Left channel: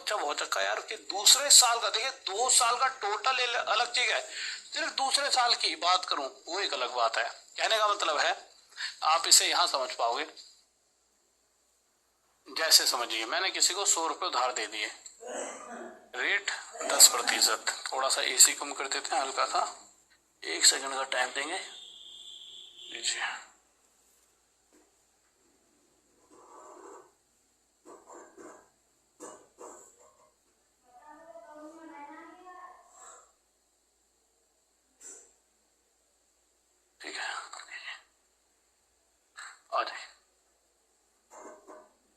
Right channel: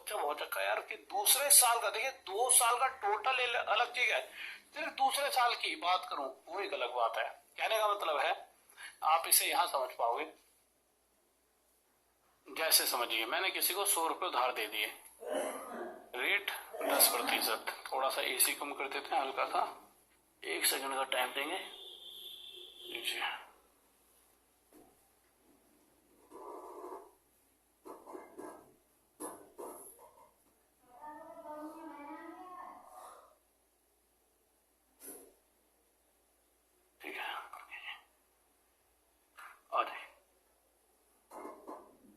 बच्चा बहुत चक्का यार कि दूसरे साल का, देखिए 2 साल का टोटल अलग चीज है, सिर्फ दूसरे साल की बात करूं वो एक अलग बात है। कहने का मतलब है आप इसे यहां समझ पाओगे, जैसे समझिए मैंने किसी को 100 रुपये उधार दे दिए, रेट 10%। थोड़ा सा एसी कम कर देते हैं हल्का सा, 1 सेकंड का टाइम देंगे। लीजिए, ठीक है आ जाइए।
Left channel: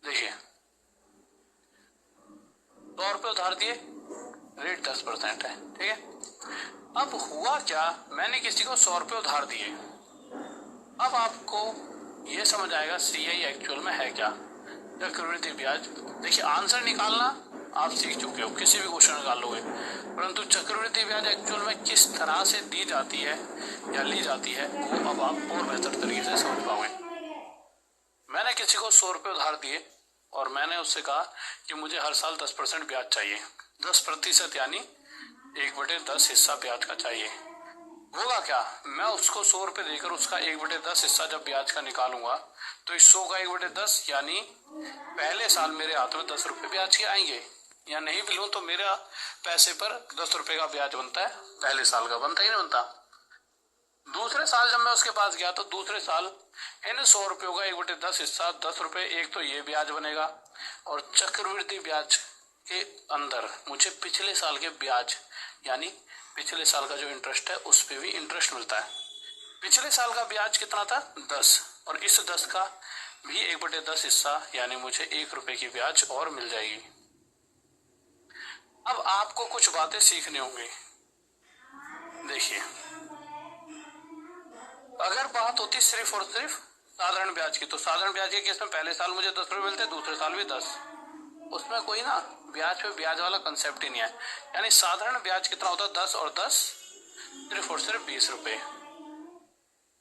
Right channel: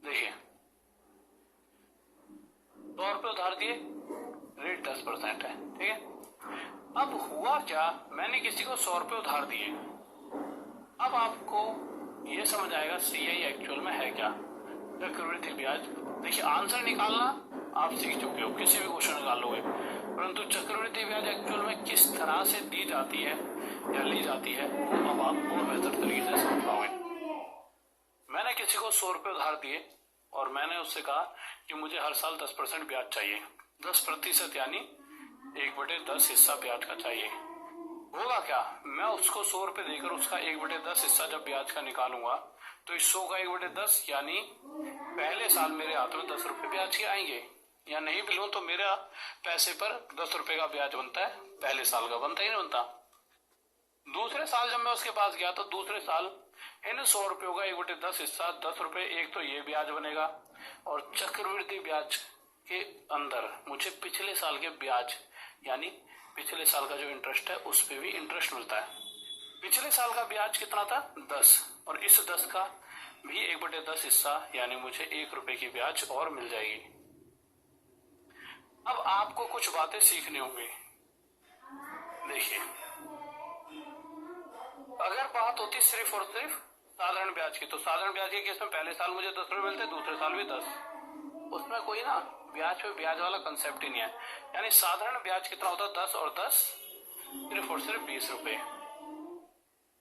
देखिए 100 रुपये उधार दिए, रेट 10% है, ठीक है। अब हुआ क्या, मैंने किसी को 100 रुपये उधार दिए। अब आपको ये समझ आएगा सीआई एक्चुअल में है क्या, चक्रवृद्धि ब्याज। देखिए आंसर निकालना आप सीख चुके हो, किसी भी क्वेश्चन निकाल लोगे, परंतु चक्रवृद्धि ब्याज एक्चुअल में किस तरह से दी जाती है या ली जाती है वो अब आप और बेहतर तरीके से समझ पाओगे। मैंने किसी को 100 रुपये उधार दिए और मैंने उससे कहा कि मुझे हर साल 10% ब्याज चाहिए, 10% यानी 1/10 हिस्सा ब्याज का चाहिए। होगा क्या, मैं उसको 100 रुपये देकर उसका 1/10 हिस्सा जब ब्याज का निकालूंगा तो इस 100 का 1/10 यानी पहले साल मेरे हाथ में 10 रुपये ब्याज के आएंगे, या नहीं भी लूं तो मेरा पैसे पर 10 रुपये का ब्याज बनता है, पहले साल का बनता ही नहीं बनता। दूसरे साल जब मैं उसके पास गया तो दूसरे साल इन 100 रुपयों का 1/10 हिस्सा 10 रुपये, एक तो ये ब्याज बनेगा और चक्रवृद्धि ब्याज के अंदर मुझे पिछले साल के ब्याज यानी पिछले साल का जो इंटरेस्ट है उस पे भी इंटरेस्ट मिलता है। पिछले साल का ब्याज कितना था 10, और इस 10 का भी 1/10 हिस्सा यानी मुझे 1 रुपए की ब्याज और मिल जाएगी। अब आपको कुछ बातें सीखनी होंगी। देखिए अगर बात होती सिर्फ और सिर्फ साधारण ब्याज की, तो साधारण ब्याज के केस में पहले साल मुझे 10 रुपये मिलते, दूसरे साल भी 10, उसमें कोई ना ब्याज पे ब्याज वाला कंसेप्ट ही नहीं है। यानी साधारण ब्याज कितना होता है 10 और 10 सिर्फ और सिर्फ 20 रुपए।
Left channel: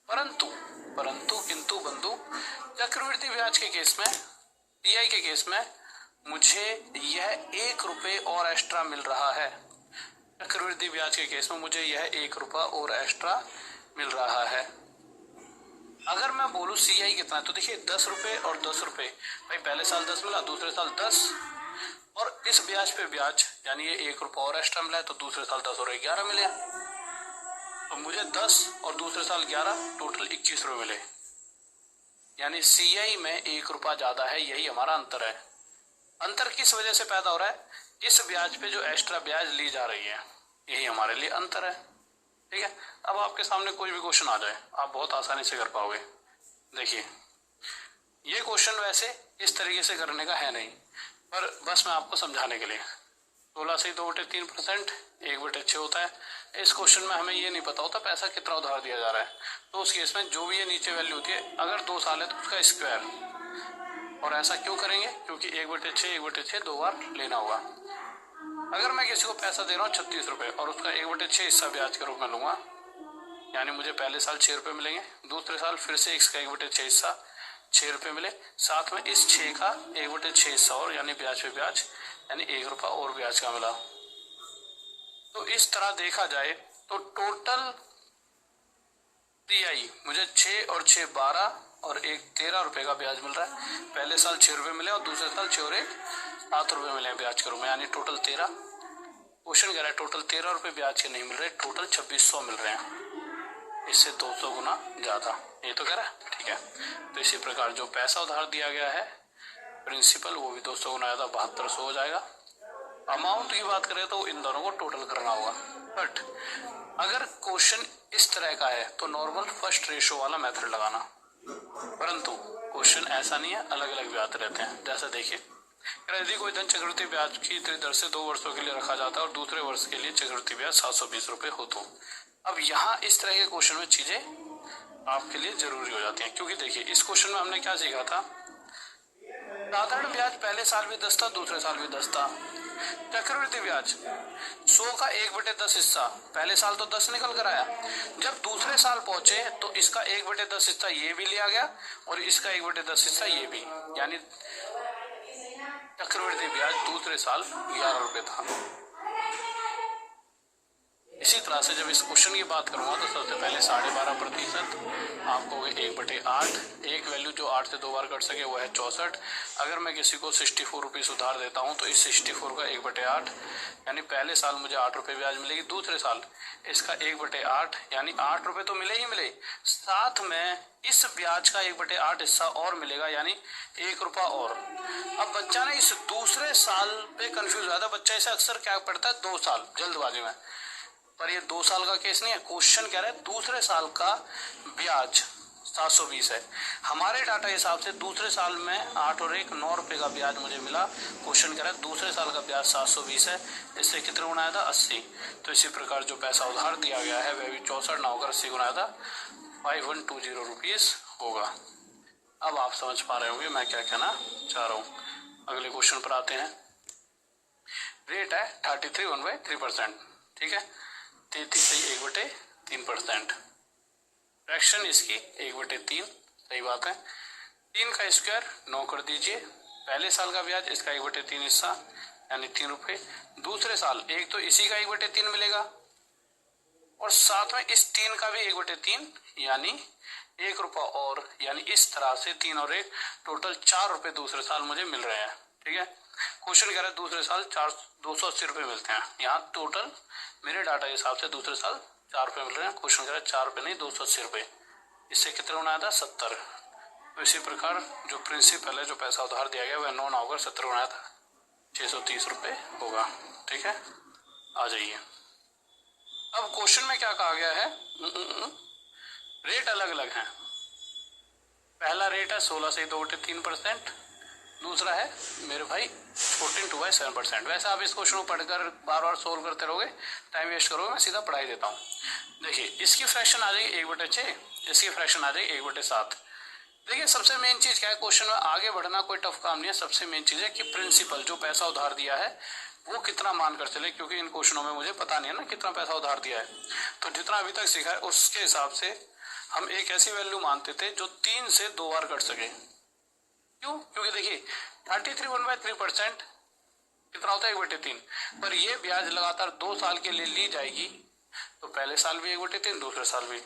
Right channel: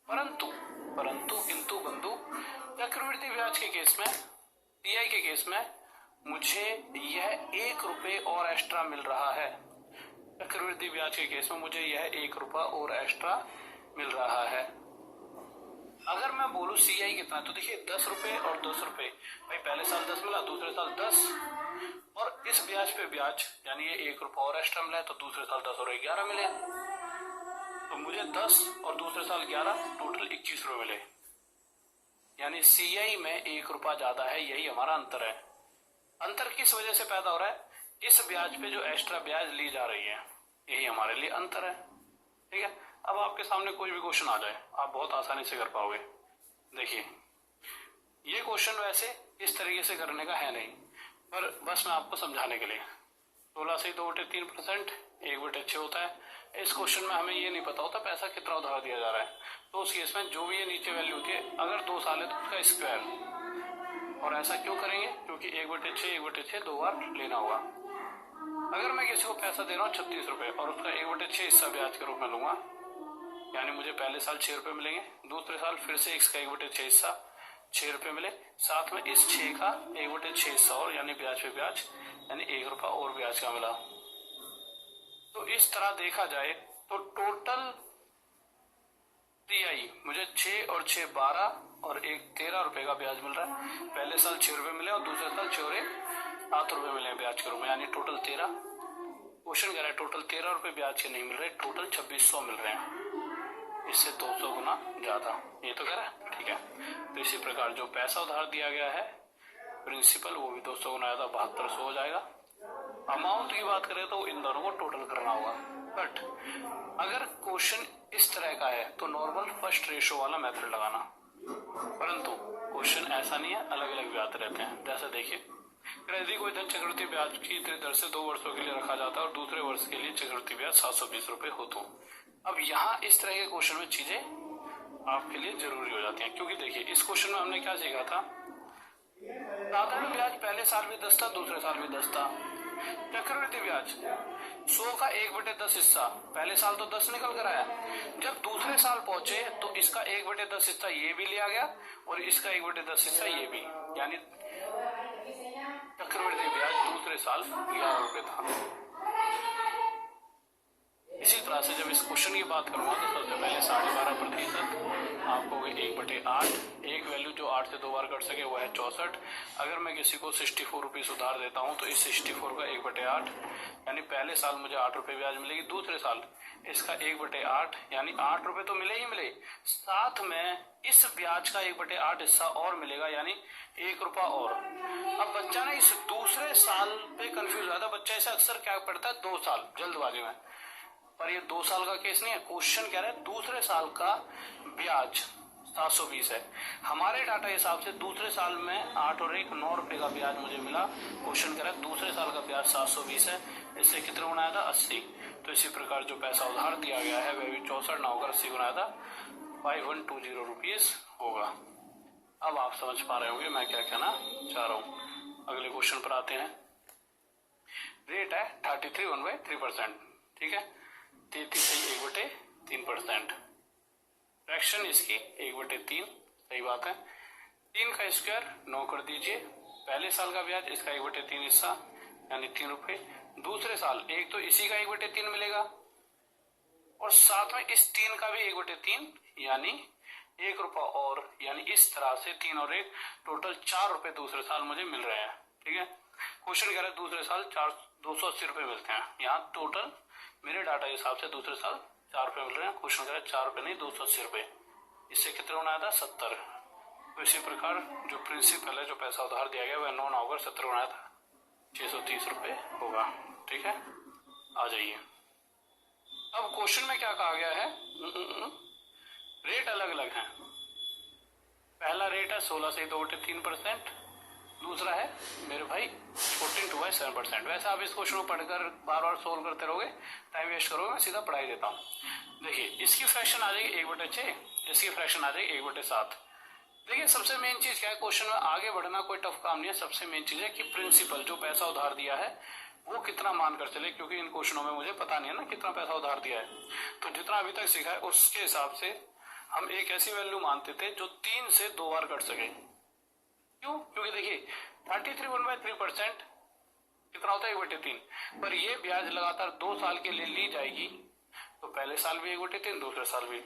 परंतु परंतु किंतु बंधु चक्रवृद्धि ब्याज के केस में, सीआई के केस में मुझे यह 1 रुपये और एक्स्ट्रा मिल रहा है। चक्रवृद्धि ब्याज के केस में मुझे यह 1 रुपया और एक्स्ट्रा मिल रहा है। अगर मैं बोलूं सीआई कितना है तो देखिए 10 रुपये और 10 रुपये, भाई पहले साल 10 मिला, दूसरे साल 10, और इस ब्याज पे ब्याज यानी ये 1 रुपया और एक्स्ट्रा मिला है तो दूसरे साल 10 और 11 मिले, तो मुझे 10 और दूसरे साल 11 टोटल 21 रुपये मिले। यानी सीआई में 1 रुपया ज्यादा है, यही हमारा अंतर है। अंतर किस वजह से पैदा हो रहा है, इस ब्याज पे जो एक्स्ट्रा ब्याज ली जा रही है, यही हमारे लिए अंतर है, ठीक है। अब आपके सामने कोई भी क्वेश्चन आ जाए आप बहुत आसानी से कर पाओगे। देखिए ये क्वेश्चन वैसे इस तरीके से करने का है नहीं, पर बस मैं आपको समझाने के लिए, 16 से 2/3% 1/6 होता है। इस क्वेश्चन में हमें ये नहीं पता होता पैसा कितना उधार दिया जा रहा है, तो उस केस में जो भी ये नीचे वैल्यू होती है, अगर 2 साल है तो उसका स्क्वायर। और ऐसा क्यों करेंगे, क्योंकि 1/6 2 बार लेना होगा। अगर मैं किसी को पैसा दे रहा हूँ 36 रुपये और उसका 1/6 हिस्सा ब्याज के रूप में लूंगा, यानी मुझे पहले साल 6 रुपये मिलेंगे, दूसरे साल फिर से इसका 1/6 हिस्सा 6 रुपये मिले, साथ में इस 6 का 1/6 हिस्सा और यानी ब्याज पे ब्याज यानी 1 रुपया और ब्याज का मिला। तो इस तरह देखा जाए तो टोटल सीआई मुझे 6 और 6 12 और 1 13 रुपये का ब्याज मिल रहा है। पहले साल 6 रुपये मिले और दूसरे साल 6 और 1 7 रुपये मिले ब्याज के रूप में, यानी टोटल 13। क्वेश्चन कह रहा है टोटल 13 रुपये ब्याज के नहीं मिल रहे, टोटल 2600 मिल रहे हैं, इससे 200 गुना ज्यादा, ये तो कह रहा है, ठीक है। तो इसी प्रकार जो पैसा उधार दिया गया है प्रिंसिपल वो भी 200 गुना ज्यादा 7200 हो जाएगा। अमाउंट की बात करें तो इन दोनों को टोटल करना होगा। बट अगर क्वेश्चन इस तरह का है तो नॉर्मल फर्स्ट रेशो वाला मेथड लगाना, परंतु क्वेश्चन ऐसा नहीं है, अलग अलग ब्याज रहते हैं। जैसा देखिए यदि कोई धन चक्रवृद्धि ब्याज की दर से 2 वर्षों के लिए रखा जाता है और दूसरे वर्ष के लिए चक्रवृद्धि ब्याज 720 रुपये हो तो। अब यहाँ इस तरह के क्वेश्चन में चीजें आपके लिए जरूरी हो जाती हैं, क्योंकि देखिए इस क्वेश्चन में हमने क्या सीखा था, साधारण ब्याज पहले साल भी 10 था, दूसरे साल भी 10 था। चक्रवृद्धि ब्याज 100 का 1/10 हिस्सा, पहले साल तो 10 निकल कर आया, जब दूसरे साल पहुंचे तो इसका 1/10 हिस्सा ये भी लिया गया और इसका 1/10 हिस्सा ये भी, यानी चक्रवृद्धि ब्याज दूसरे साल 11 रुपये था। इसी तरह से जब इस क्वेश्चन की बात करूंगा तो सबसे पहले 12.5% आपको 1/8, एक वैल्यू जो 8 से 2 बार कट सके वो है 64। अगर मैं किसी को 64 रुपीज उधार देता हूं तो इस 64 का 1/8 यानी पहले साल मुझे 8 रुपये ब्याज मिलेगी, दूसरे साल इसका 1/8 यानी 8 रुपये तो मिले ही मिले, साथ में इस ब्याज का 1/8 हिस्सा और मिलेगा यानी 1 रुपया और। अब बच्चा ना इस दूसरे साल पे कंफ्यूज हुआ था, बच्चा इसे अक्सर क्या पढ़ता है 2 साल जल्दबाजी में, पर ये 2 साल का केस नहीं है। क्वेश्चन कह रहा है दूसरे साल का ब्याज 720 है। हमारे डाटा हिसाब से दूसरे साल में 8 और 1 9 रुपए का ब्याज मुझे मिला। क्वेश्चन कह रहा है दूसरे साल का ब्याज 720 है, इससे कितने गुना आया था 80। तो इसी प्रकार जो पैसा उधार दिया गया है वह भी 64 ना होकर 80 गुना आया था, 5120 रुपीज होगा। अब आप समझ पा रहे होंगे मैं क्या कहना चाह रहा हूँ। अगले क्वेश्चन पर आते हैं। रेट है 33 1/3%, ठीक है, 33 1/3%। फ्रैक्शन इसकी 1/3, सही बात है। 3 का स्क्वायर 9 कर दीजिए। पहले साल का ब्याज इसका 1/3 हिस्सा यानी 3 रुपये। दूसरे साल एक तो इसी का 1/3 मिलेगा और साथ में इस 3 का भी 1/3 यानी 1 रुपया और, यानी इस तरह से 3 और 1 टोटल 4 रुपये दूसरे साल मुझे मिल रहे हैं, ठीक है। क्वेश्चन कह रहा है दूसरे साल 280 रुपये मिलते हैं। यहाँ टोटल मेरे डाटा के हिसाब से दूसरे साल 4 रुपये मिल रहे हैं। क्वेश्चन कह रहा है 4 रुपये नहीं 280 रुपये, इससे कितने गुना आया था 70। तो इसी प्रकार जो प्रिंसिपल है, जो पैसा उधार दिया गया वह 9 ना होकर 70 गुना आया था, 630 रुपये होगा, ठीक है। आ जाइए अब क्वेश्चन में क्या कहा गया है, रेट अलग अलग हैं। पहला रेट है 16 से 2/3%, दूसरा है मेरे भाई 14/7%। वैसे आप इस क्वेश्चन को पढ़कर बार बार सोल्व करते रहोगे, टाइम वेस्ट करोगे, मैं सीधा पढ़ाई देता हूँ। देखिए इसकी फ्रैक्शन आ जाएगी 1/6, इसकी फ्रैक्शन आ जाएगी 1/7। देखिए सबसे मेन चीज क्या है, क्वेश्चन में आगे बढ़ना कोई टफ काम नहीं है। सबसे मेन चीज है कि प्रिंसिपल जो पैसा उधार दिया है वो कितना मानकर चले, क्योंकि इन क्वेश्चनों में मुझे पता नहीं है ना कितना पैसा उधार दिया है। तो जितना अभी तक सीखा है उसके हिसाब से हम एक ऐसी वैल्यू मानते थे जो 3 से 2 बार कट सके। क्यों? क्योंकि देखिए 33 1/3% कितना होता है 1/3, पर ये ब्याज लगातार 2 साल के लिए ली जाएगी तो पहले साल भी 1/3 दूसरे साल भी,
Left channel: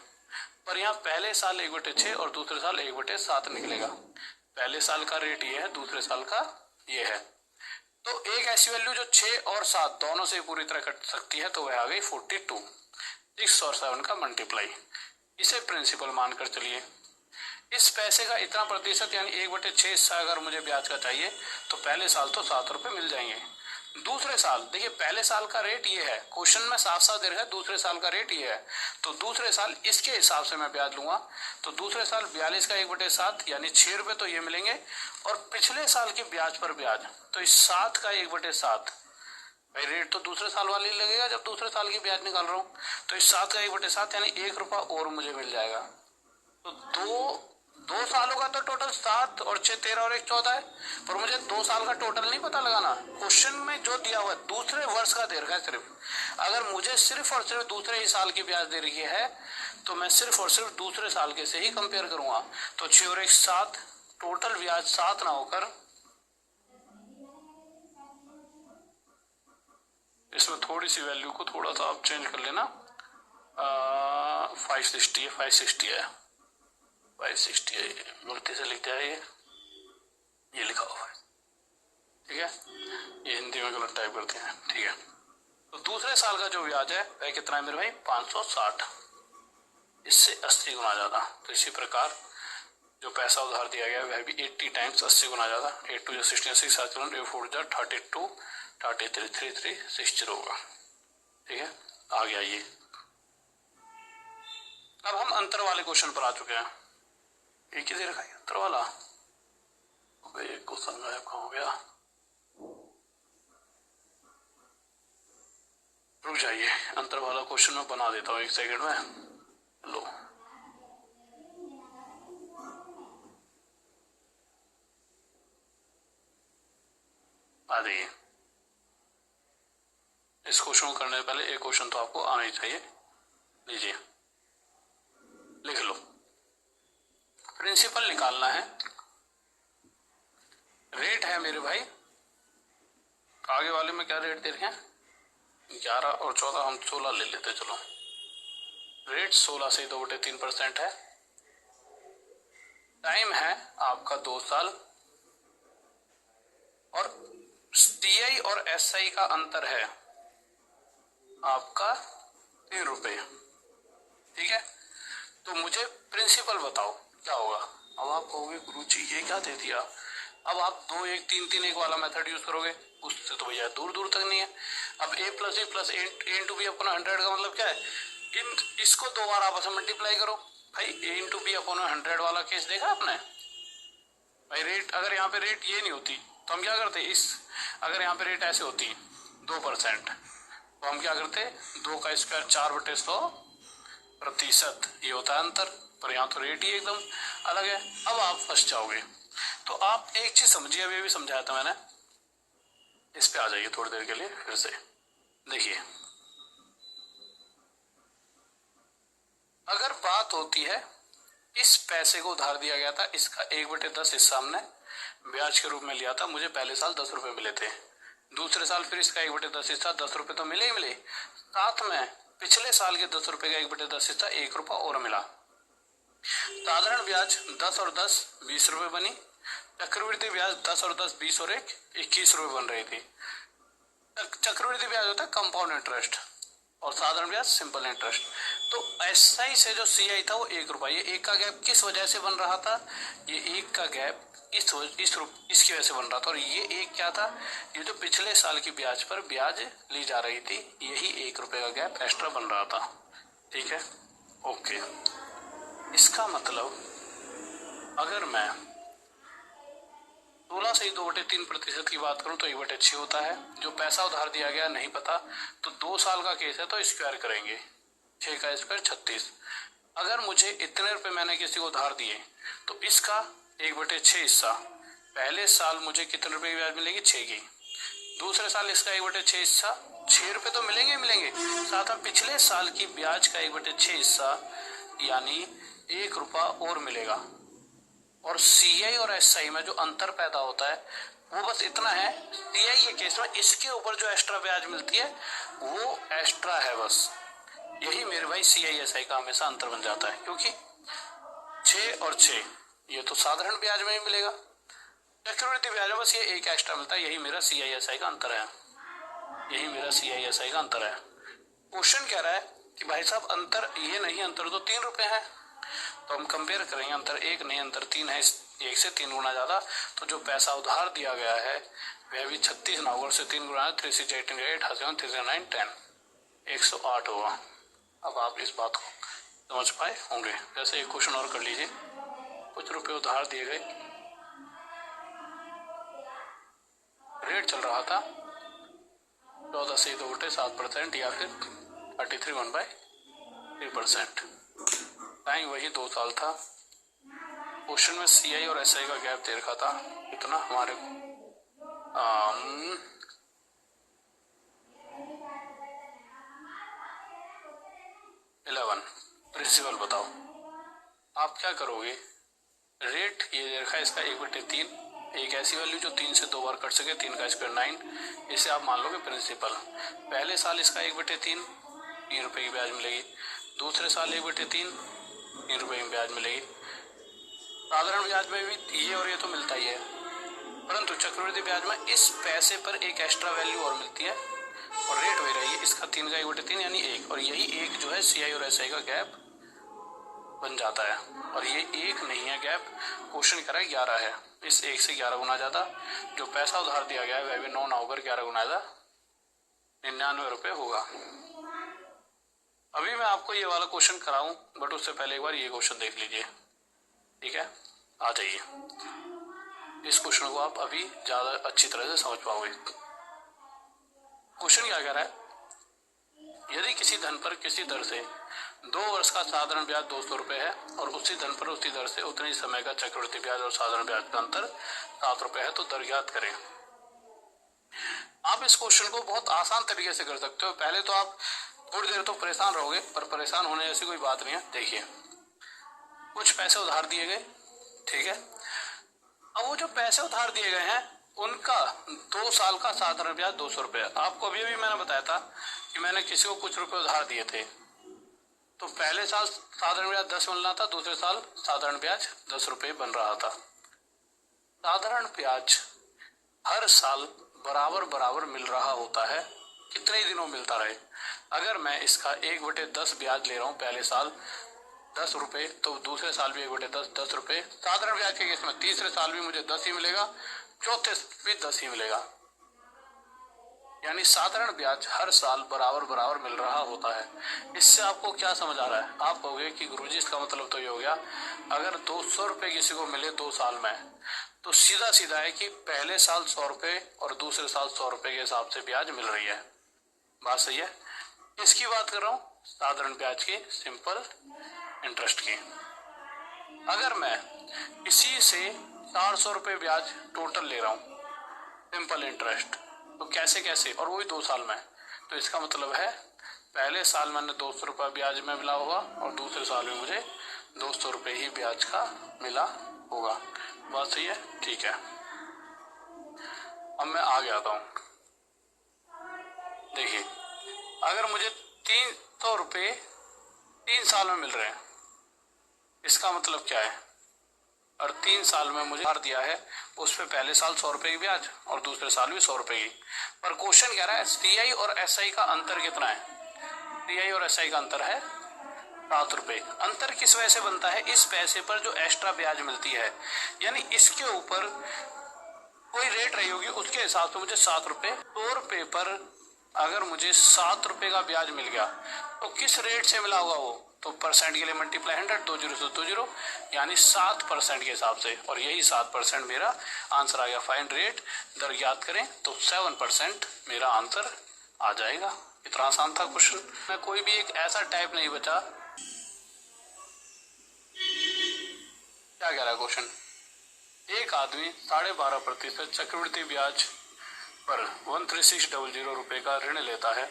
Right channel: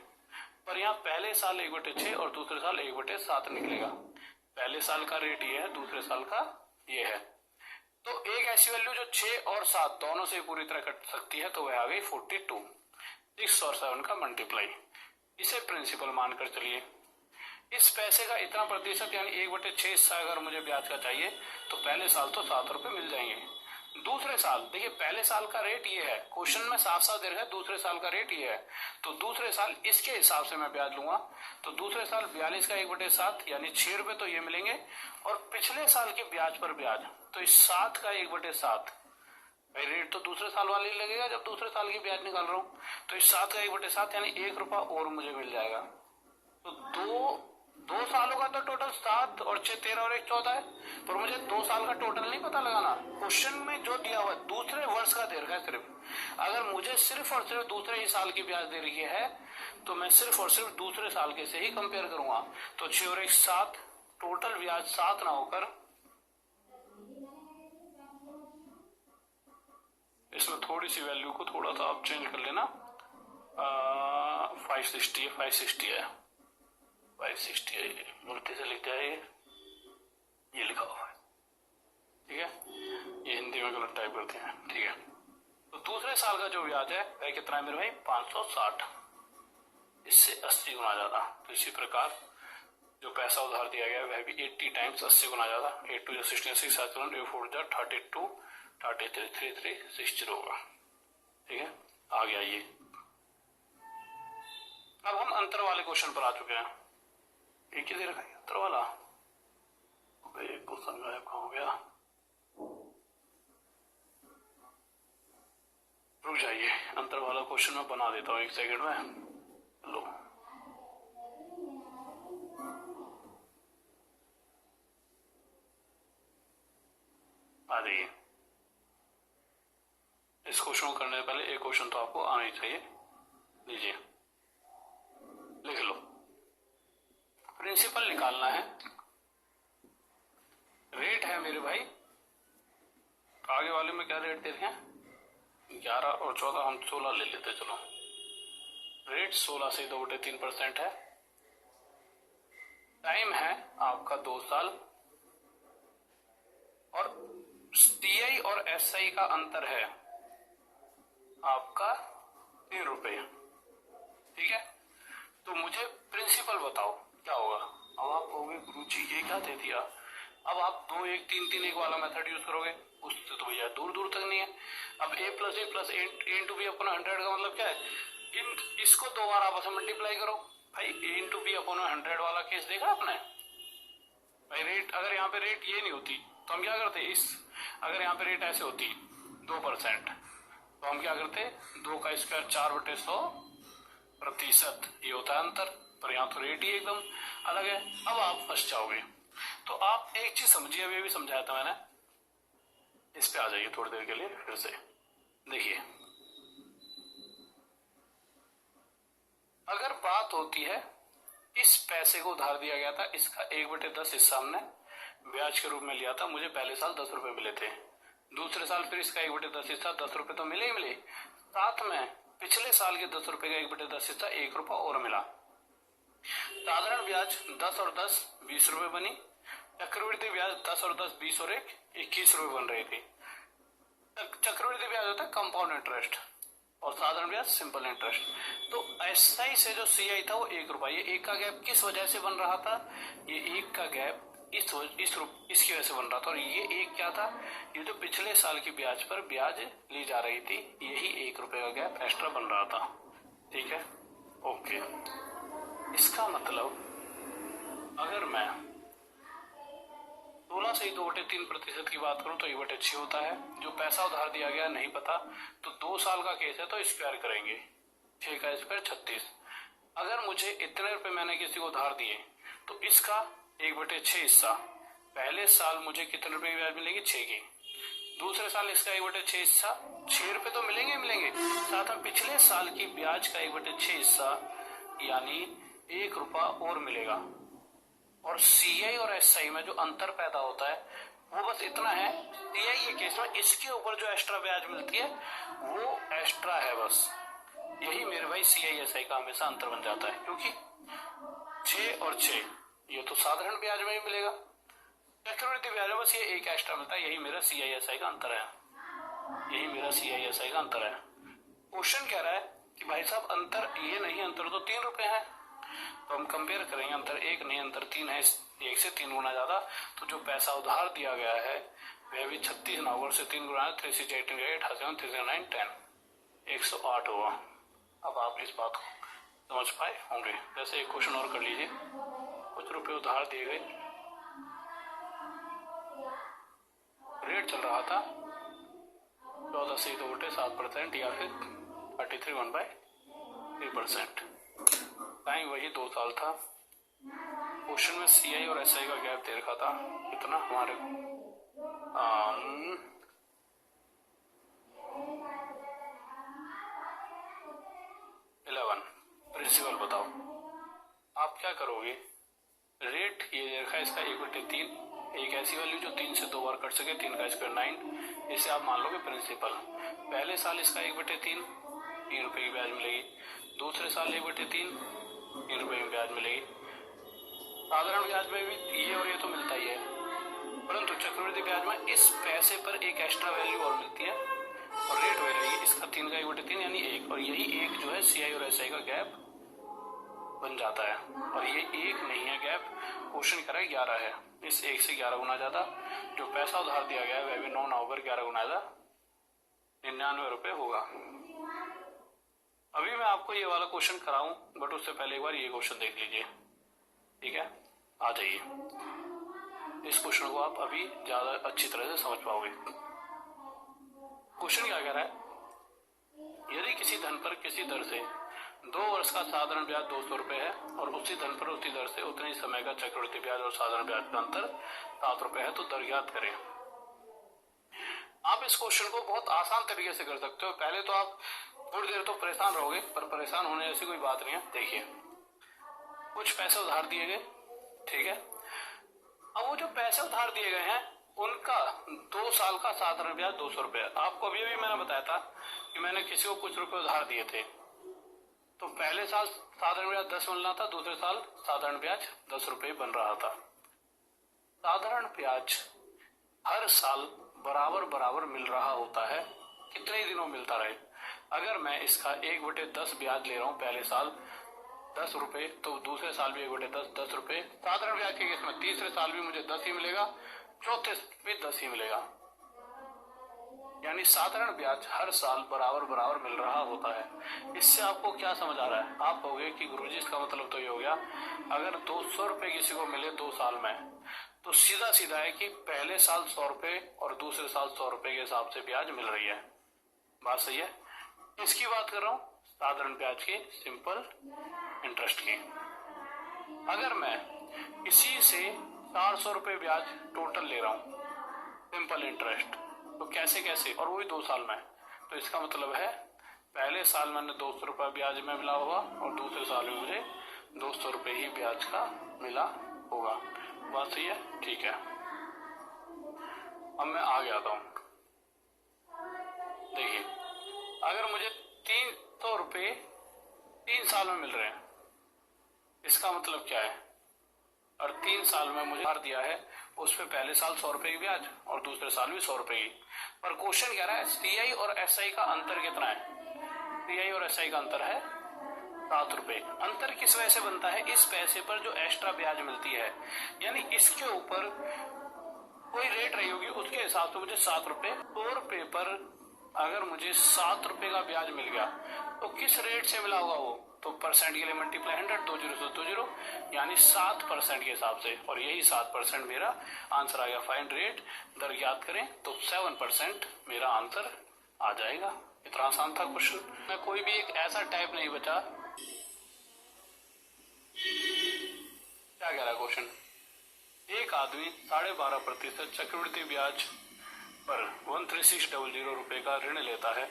पर यहाँ पहले साल 1/6 और दूसरे साल 1/7 निकलेगा। पहले साल का रेट ये है, दूसरे साल का ये है। तो एक ऐसी वैल्यू जो 6 और 7 दोनों से पूरी तरह कट सकती है तो वह आ गई 42। 6 और 7 का मल्टीप्लाई, इसे प्रिंसिपल मानकर चलिए। इस पैसे का इतना प्रतिशत यानी 1/6 हिस्सा अगर मुझे ब्याज का चाहिए तो पहले साल तो 7 रुपये मिल जाएंगे। दूसरे साल देखिए पहले साल का रेट ये है, क्वेश्चन में साफ साफ दे रखा है दूसरे साल का रेट ये है, तो दूसरे साल इसके हिसाब से मैं ब्याज लूंगा। तो दूसरे साल 42 का 1/7 यानी 6 रुपये तो ये मिलेंगे, और पिछले साल के ब्याज पर ब्याज तो इस 7 का 1/7, भाई रेट तो दूसरे साल वाले ही लगेगा जब दूसरे साल की ब्याज निकाल रहा हूँ। तो इस 7 का 1/7 यानी 1 रुपया और मुझे मिल जाएगा। तो दो सालों का तो टोटल 7 और 6 13 और 1 14 है, पर मुझे 2 साल का टोटल नहीं पता लगाना। क्वेश्चन में जो दिया हुआ है दूसरे वर्ष का दे रखा है सिर्फ। अगर मुझे सिर्फ और सिर्फ दूसरे ही साल की ब्याज दे रही है तो मैं सिर्फ और सिर्फ दूसरे साल के से ही कंपेयर करूंगा। तो 6 और 1 7, टोटल ब्याज 7 ना होकर, इसमें थोड़ी सी वैल्यू को थोड़ा सा आप चेंज कर लेना, 560 है, 560 है, 560 है, गलती से लिख दिया ये लिखा हुआ है, ठीक है, ये हिंदी में गलत टाइप करते हैं, ठीक है। तो दूसरे साल का जो ब्याज है वह कितना है मेरे भाई 560, इससे 80 गुना ज्यादा। तो इसी प्रकार जो पैसा उधार दिया गया वह भी 80 टाइम्स 80 गुना ज्यादा। 8 2 66 4 32 33 3360 होगा, ठीक है। आ गया ये। अब हम अंतर वाले क्वेश्चन पर आ चुके हैं। एक ही दे रखा है अंतर वाला, एक क्वेश्चन गायब कहाँ हो गया, रुक जाइए, अंतर वाला क्वेश्चन मैं बना देता हूँ 1 सेकंड में। लो आ जाइए। इस क्वेश्चन को करने से पहले एक क्वेश्चन तो आपको आना ही चाहिए, लीजिए लिख लो। प्रिंसिपल निकालना है, रेट है मेरे भाई आगे वाले में क्या रेट दे रखे हैं, 11 और 14, हम 16 ले लेते। चलो रेट 16 से 2/3% है। टाइम है आपका 2 साल, और CI और SI का अंतर है आपका 3 रुपये। ठीक है, तो मुझे प्रिंसिपल बताओ क्या होगा। अब आप कहोगे गुरुजी ये क्या दे दिया, अब आप 2 1 3 3 1 वाला मेथड यूज करोगे, उससे तो भैया दूर दूर तक नहीं है। अब a + a + a × b upon 100 का मतलब क्या है, इसको 2 बार आपस में मल्टीप्लाई करो। भाई a × b अपॉन 100 वाला केस देखा आपने भाई। रेट अगर यहाँ पे रेट ये नहीं होती तो हम क्या करते, अगर यहाँ पे रेट ऐसे होती 2% तो हम क्या करते, 2 का स्क्वायर 4/100%, ये होता है अंतर। पर यहाँ तो रेट ही एकदम अलग है। अब आप फंस जाओगे। तो आप एक चीज समझिए, अभी भी समझाया था मैंने, इस पे आ जाइए थोड़ी देर के लिए फिर से। देखिए अगर बात होती है, इस पैसे को उधार दिया गया था, इसका 1/10 हिस्सा हमने ब्याज के रूप में लिया था, मुझे पहले साल 10 रुपए मिले थे, दूसरे साल फिर इसका 1/10 हिस्सा 10 रुपए तो मिले ही मिले, साथ में पिछले साल के 10 रुपए का 1/10 हिस्सा 1 रुपया और मिला। साधारण ब्याज 10 और 10 20 रुपए बनी, चक्रवृद्धि ब्याज 10 और 10 20 और 1 21 रुपए बन रही थी। चक्रवृद्धि ब्याज होता है कंपाउंड इंटरेस्ट, और साधारण ब्याज सिंपल इंटरेस्ट। तो SI से जो CI था वो 1 रुपया, ये 1 का गैप किस वजह से बन रहा था, ये 1 का गैप इसकी वजह से बन रहा था। और ये 1 क्या था, ये जो पिछले साल की ब्याज पर ब्याज ली जा रही थी, यही 1 रुपए का गैप एक्स्ट्रा बन रहा था। ठीक है, ओके। इसका मतलब अगर मैं 16 से 2/3% की बात करूं तो 1/6 होता है। जो पैसा उधार दिया गया नहीं पता, तो 2 साल का केस है तो स्क्वायर करेंगे, 6 का स्क्वायर 36। अगर मुझे इतने रुपए मैंने किसी को उधार दिए तो इसका 1/6 हिस्सा, पहले साल मुझे कितने रुपए की ब्याज मिलेगी, 6 की, दूसरे साल इसका 1/6 हिस्सा 6 रुपए तो मिलेंगे मिलेंगे, साथ में पिछले साल की ब्याज का 1/6 हिस्सा यानी 1 रुपया और मिलेगा। और CI और SI में जो अंतर पैदा होता है वो बस इतना है, CI के केस में इसके ऊपर जो एक्स्ट्रा ब्याज मिलती है वो एक्स्ट्रा है बस। यही मेरे भाई CI SI का हमेशा अंतर बन जाता है, क्योंकि 6 और 6 ये तो साधारण ब्याज में ही मिलेगा, चक्रवृद्धि ब्याज में बस ये 1 एक्स्ट्रा मिलता है। यही मेरा CI SI का अंतर है, यही मेरा CI SI का अंतर है। क्वेश्चन कह रहा है कि भाई साहब अंतर ये नहीं, अंतर तो 3 रुपए है, तो हम कंपेयर करेंगे, अंतर 1 नहीं अंतर 3 है, 1 से 3 गुना ज्यादा। तो जो पैसा उधार दिया गया है वह भी 36 ना होगा, उससे 3 गुना, 3 6 18 8 3 9 10 108 होगा। अब आप इस बात को समझ पाए होंगे। जैसे एक क्वेश्चन और कर लीजिए, कुछ रुपए उधार दिए गए, रेट चल रहा था 14 से 2/7% या फिर 33 1/3%, टाइम वही 2 साल था। क्वेश्चन में CI और SI का गैप दे रखा था इतना हमारे को 11। प्रिंसिपल बताओ आप क्या करोगे, रेट ये दे रखा है इसका 1/3, एक ऐसी वैल्यू जो 3 से 2 बार कट सके, 3 का स्क्वायर 9, इसे आप मान लोगे प्रिंसिपल। पहले साल इसका 1/3 3 रुपए की ब्याज मिलेगी, दूसरे साल 1/3 3 रुपए की ब्याज मिलेगी। साधारण ब्याज में भी ये और ये तो मिलता ही है, परंतु चक्रवृद्धि ब्याज में इस पैसे पर एक एक्स्ट्रा वैल्यू और मिलती है, और रेट वही रही है, इसका 3 का 1/3 यानी 1, और यही 1 जो है CI और SI का गैप बन जाता है। और ये 1 नहीं है गैप, क्वेश्चन कह रहा है 11 है, इस 1 से 11 गुना ज्यादा। जो पैसा उधार दिया गया है वह भी 9 ना होकर 11 गुना ज्यादा 99 रुपए होगा। अभी मैं आपको ये वाला क्वेश्चन कराऊं, बट उससे पहले एक बार ये क्वेश्चन देख लीजिए। ठीक है, आ जाइए, इस क्वेश्चन को आप अभी ज्यादा अच्छी तरह से समझ पाओगे। क्वेश्चन क्या कह रहा है, यदि किसी धन पर किसी दर से 2 वर्ष का साधारण ब्याज 200 रुपए है और उसी धन पर उसी दर से उतने समय का चक्रवृद्धि ब्याज और साधारण ब्याज का अंतर 7 रुपए है, तो दर ज्ञात करें। आप इस क्वेश्चन को बहुत आसान तरीके से कर सकते हो। पहले तो आप थोड़ी देर तो परेशान रहोगे, पर परेशान होने जैसी कोई बात नहीं है। देखिए कुछ पैसे उधार दिए गए, ठीक है, अब वो जो पैसे उधार दिए गए हैं उनका 2 साल का साधारण ब्याज 200 रुपये। आपको अभी अभी मैंने बताया था कि मैंने किसी को कुछ रुपए उधार दिए थे, तो पहले साल साधारण ब्याज 10 मिलना था, दूसरे साल साधारण ब्याज 10 रुपये बन रहा था। साधारण ब्याज हर साल बराबर बराबर मिल रहा होता है, कितने दिनों मिलता रहे। अगर मैं इसका 1/10 ब्याज ले रहा हूँ पहले साल 10 रुपये, तो दूसरे साल भी 1/10 10 रुपये। साधारण ब्याज के केस में तीसरे साल भी मुझे 10 ही मिलेगा, चौथे भी 10 ही मिलेगा। यानी साधारण ब्याज हर साल बराबर बराबर मिल रहा होता है। इससे आपको क्या समझ आ रहा है? आप कहोगे कि गुरुजी इसका मतलब तो ये हो गया, अगर 200 रुपये किसी को मिले 2 साल में, तो सीधा सीधा है कि पहले साल 100 रुपये और दूसरे साल 100 रुपये के हिसाब से ब्याज मिल रही है। बात सही है? इसकी बात कर रहा हूँ साधारण ब्याज की, सिंपल इंटरेस्ट की। अगर मैं इसी से 400 रुपये ब्याज टोटल ले रहा हूँ सिंपल इंटरेस्ट, तो कैसे कैसे, और वही 2 साल में, तो इसका मतलब है पहले साल मैंने 200 रुपये ब्याज में मिला होगा और दूसरे साल में मुझे 200 रुपये ही ब्याज का मिला होगा। बात सही है? ठीक है, अब मैं आगे आता हूँ। देखिए, अगर मुझे 300 रुपये 3 साल में मिल रहे हैं, इसका मतलब क्या है? और 3 साल में मुझे उधार दिया है, उस पर पहले साल 100 रुपये की ब्याज और दूसरे साल भी 100 रुपये की। पर क्वेश्चन कह रहा है CI और SI का अंतर कितना है? CI और SI का अंतर है 7 रुपये। अंतर किस वजह से बनता है? इस पैसे पर जो एक्स्ट्रा ब्याज मिलती है, यानी इसके ऊपर कोई रेट रही होगी, उसके हिसाब से मुझे 7 रुपये, 100 रुपये पर अगर मुझे 7 रुपये का ब्याज मिल गया, तो किस रेट से मिला होगा वो? तो परसेंट के लिए मल्टीप्लाई 100, 20 से 20, यानी 7% के हिसाब से, और यही 7% मेरा आंसर आ गया। फाइंड रेट दर ज्ञात करें, तो 7% मेरा आंसर आ जाएगा। इतना आसान था क्वेश्चन में, कोई भी एक ऐसा टाइप नहीं बचा। क्या कह रहा है क्वेश्चन? एक आदमी 12.5% चक्रवृद्धि ब्याज पर 13600 रुपये का ऋण लेता है।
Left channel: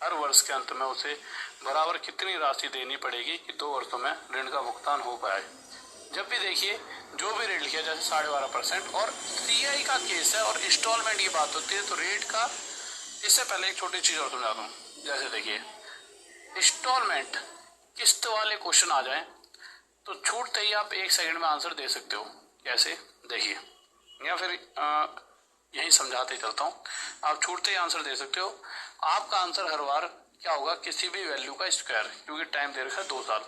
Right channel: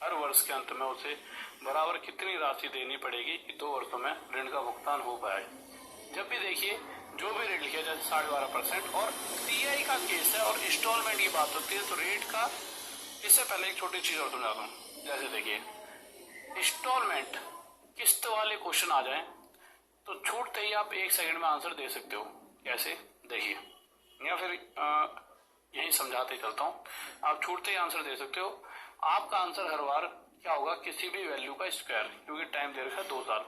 हर वर्ष के अंत में उसे बराबर कितनी राशि देनी पड़ेगी कि 2 वर्षों में ऋण का भुगतान हो पाए? जब भी देखिए, जो भी रेट लिखा जैसे 12.5% और CI का केस है और इंस्टॉलमेंट की बात होती है, तो रेट का, इससे पहले एक छोटी चीज और समझा दूं। जैसे देखिए, इंस्टॉलमेंट किस्त वाले क्वेश्चन आ जाए तो छूटते ही आप 1 सेकंड में आंसर दे सकते हो। कैसे? देखिए, या फिर यही समझाते चलता हूँ, आप छूटते ही आंसर दे सकते हो। आपका आंसर हर बार क्या होगा? किसी भी वैल्यू का स्क्वायर, क्योंकि टाइम दे रखा है 2 साल।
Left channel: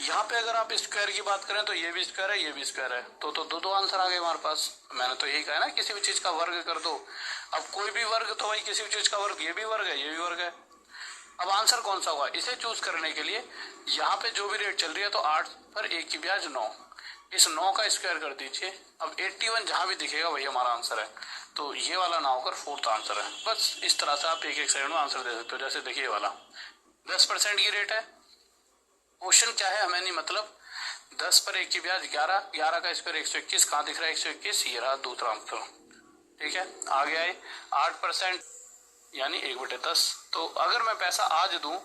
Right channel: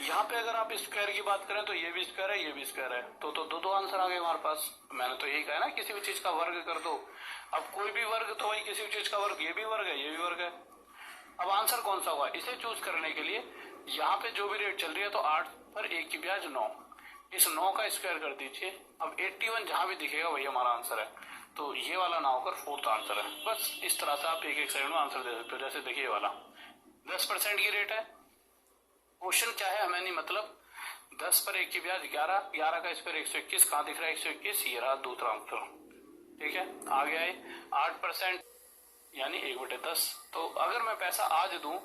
यहाँ पे अगर आप स्क्वायर की बात करें तो ये भी स्क्वायर है, ये भी स्क्वायर है, तो दो आंसर आ गए हमारे पास। मैंने तो यही कहा ना, किसी भी चीज का वर्ग कर दो। अब कोई भी वर्ग तो भाई किसी भी चीज का वर्ग, ये भी वर्ग है, ये भी वर्ग है। अब आंसर कौन सा होगा? इसे चूज करने के लिए यहाँ पे जो भी रेट चल रही है, तो 8 पर 1 की ब्याज 9, इस 9 का स्क्वायर कर दीजिए। अब 81 जहां भी दिखेगा वही हमारा आंसर है, तो ये वाला ना होकर 4th आंसर है। बस इस तरह से आप एक सेकंड में आंसर दे सकते हो। जैसे देखिए, वाला 10% की रेट है। क्वेश्चन क्या है हमें नहीं मतलब, 10 पर 1 की ब्याज 11, 11 का स्क्वायर 121, कहाँ दिख रहा है 121? ये रहा दूसरा आंसर। ठीक है, आगे आए 8% यानी 1/10। तो अगर मैं पैसा आज दूं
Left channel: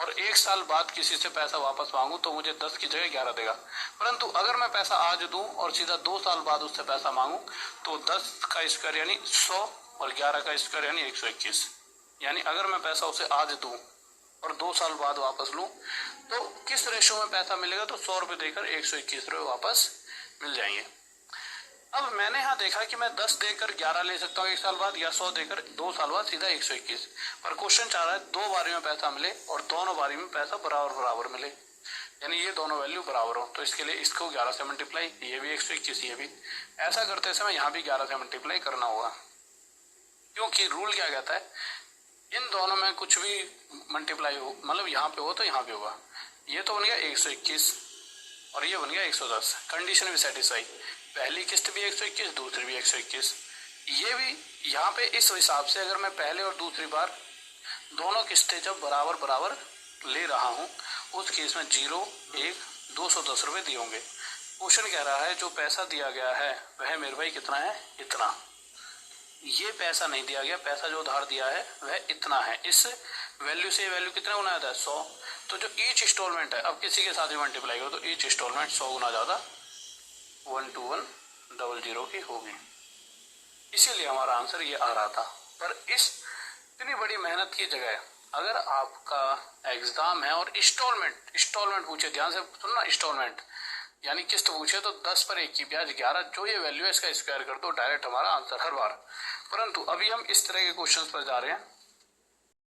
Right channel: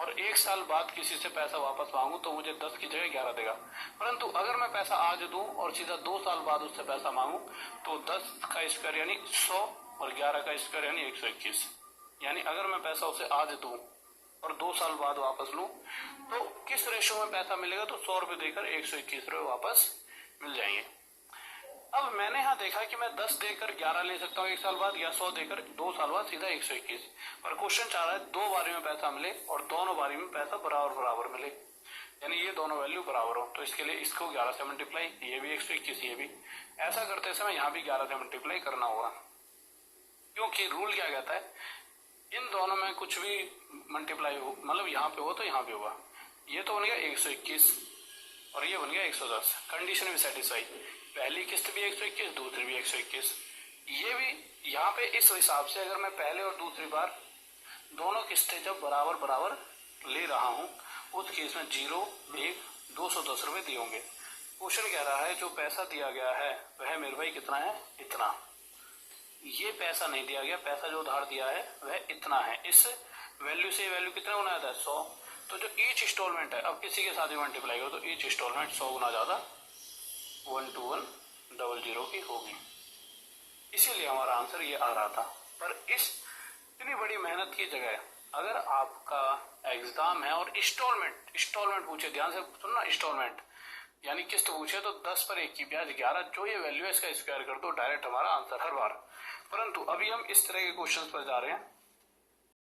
और 1 साल बाद किसी से पैसा वापस मांगू, तो मुझे 10 की जगह 11 देगा। परंतु अगर मैं पैसा आज दूं और सीधा 2 साल बाद उससे पैसा मांगू, तो 10 का स्क्वायर यानी 100 और 11 का स्क्वायर यानी 121। यानी अगर मैं पैसा उसे आज दूं और 2 साल बाद वापस लूं, तो किस रेशो में पैसा मिलेगा? तो 100 रुपये देकर 121 रुपये वापस मिल जाएंगे। अब मैंने यहाँ देखा कि मैं 10 देकर 11 ले सकता हूँ 1 साल बाद, या 100 देकर 2 साल बाद सीधा 121। पर क्वेश्चन चाह रहा है 2 बारी में पैसा मिले और दोनों बारी में पैसा बराबर बराबर मिले, यानी ये दोनों वैल्यू बराबर हो। तो इसके लिए इसको 11 से मल्टीप्लाई, ये भी 121, ये भी। ऐसा करते समय यहाँ भी 11 से मल्टीप्लाई करना होगा, क्योंकि रूल क्या कहता है, इन दोनों में कुछ भी मल्टीप्लाई हो, मतलब यहाँ पे हो तो यहाँ पे होगा। ये तो बन गया 121 और ये बन गया 110, कंडीशन भी सेटिस्फाई। पहली किस्त भी 121, दूसरी भी 121। ये भी यहाँ पे इस हिसाब से, अगर मैं पहले और दूसरी बार दोनों किस्तें जब बराबर बराबर ले रहा हूँ, उस केस में 0, 1, 210 रुपये दिए होंगे। क्वेश्चन कह रहा है जो पैसा दिया गया है वह मेरे भाई कितना है? इतना। ये पैसा नहीं दिया गया, पैसा जो उधार दिया है वह इतना है। इस वैल्यू से वैल्यू कितना गुना जाता है? 100। तो जो ईच इंस्टॉलमेंट है, अब किसी के साथ भी मल्टीप्लाई हो तो ईच इंस्टॉलमेंट 100 गुना ज़्यादा 12100 की होगी। इसीलिए हमारा आंसर ये आ रहा था। पर इस इतनी बड़ी मेहनत की जगह अगर आपका एग्जाम है और इंस्टॉलमेंट पूछे, ध्यान से सुनना, इंस्टॉलमेंट यानी किस्त पूछे तो 10 पर 1 की ब्याज 11, जो ये वैल्यू है इसका स्क्वायर कर दो, डायरेक्ट हमारा आंसर हर बार। परंतु अभी हम इस तरह के क्वेश्चंस पर जा रहे हैं